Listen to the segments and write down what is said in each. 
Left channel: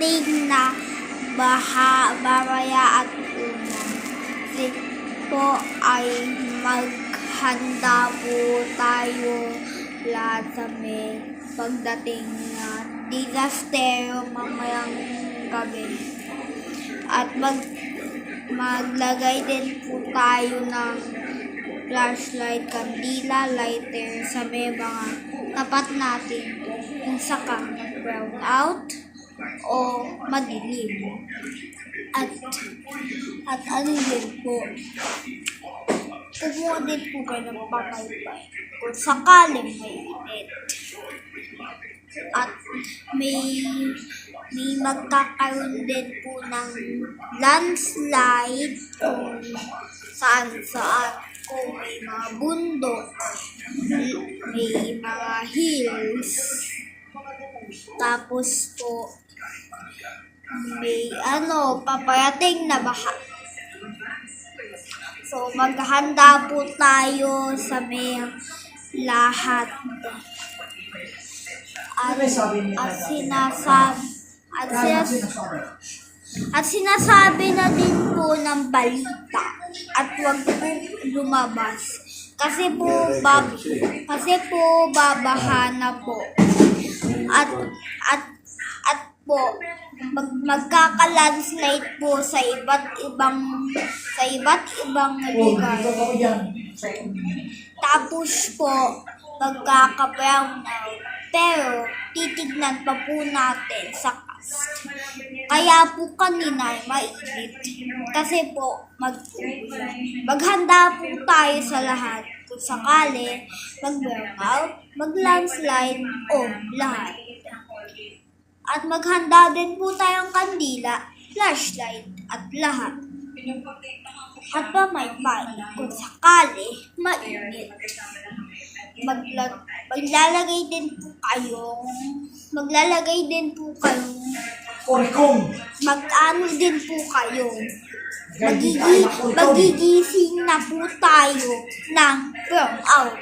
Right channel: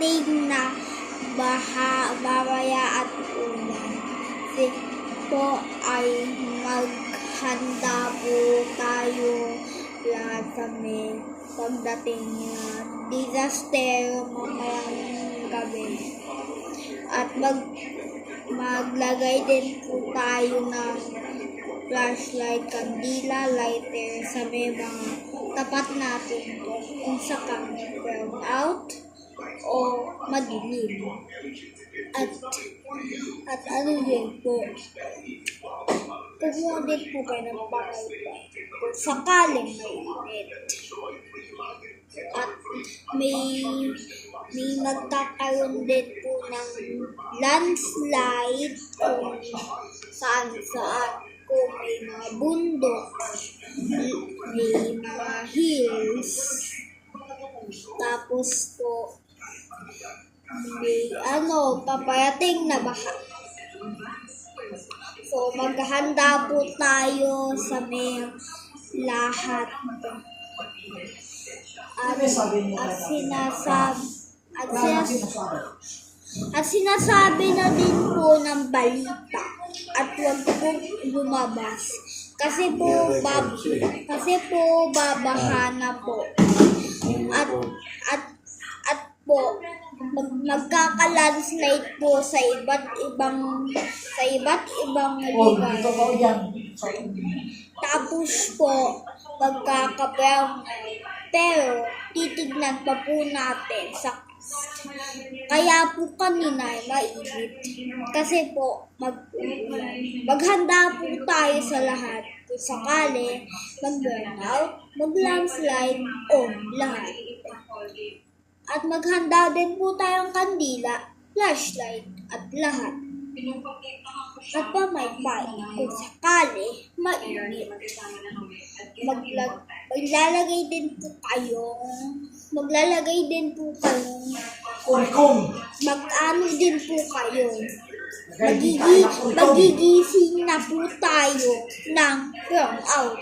paparating na baha, mamaya at ulan. Kasi po ay maghanda po tayo lahat sa may pagdating na disaster mamayang gabi. At maglagay din po tayo ng flashlight, kandila, lighter sa may mga tapat natin kung sakang brown out o madilim. At ano din po, kumuha din po kayo ng pakaypay kung sakaling may init. At may magkakaroon din po ng landslide kung saan. Kung may mga bundok, may mga hills, tapos po may paparating na baha. So maghanda po tayo sa may lahat. At sinasabi na din po ng balita at huwag po lumabas kasi po babaha na po at po magkaka-landslide po sa iba't ibang lugar. Tapos po magkaka-brown out, pero titignan pa po natin sa cast. Kaya po kanina ay mainit kasi po maghanda po tayo sa lahat kung sakali mag-brown out, mag-landslide o lahat. At maghanda din po tayong kandila, flashlight at lahat. At pamaypay kung sakali mainit. Maglalagay din po kayong mag-ano din po kayo. Magigising na po tayo ng brown out.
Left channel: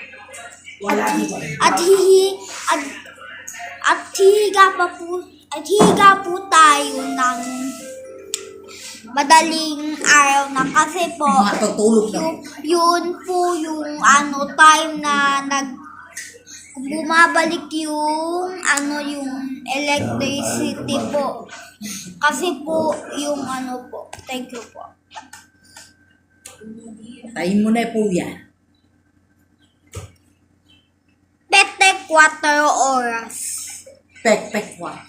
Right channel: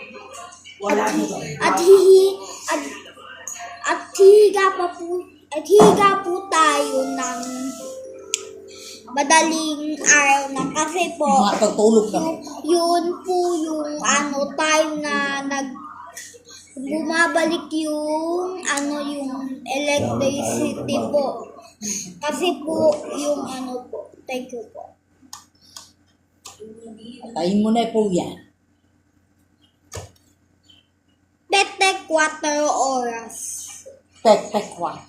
At higa po tayo ng madaling araw na kasi po yun po yung time na bumabalik yung electricity po. Kasi po yung po. Thank you po. Patayin mo na po yan. Tek 4 oras. Tek 4.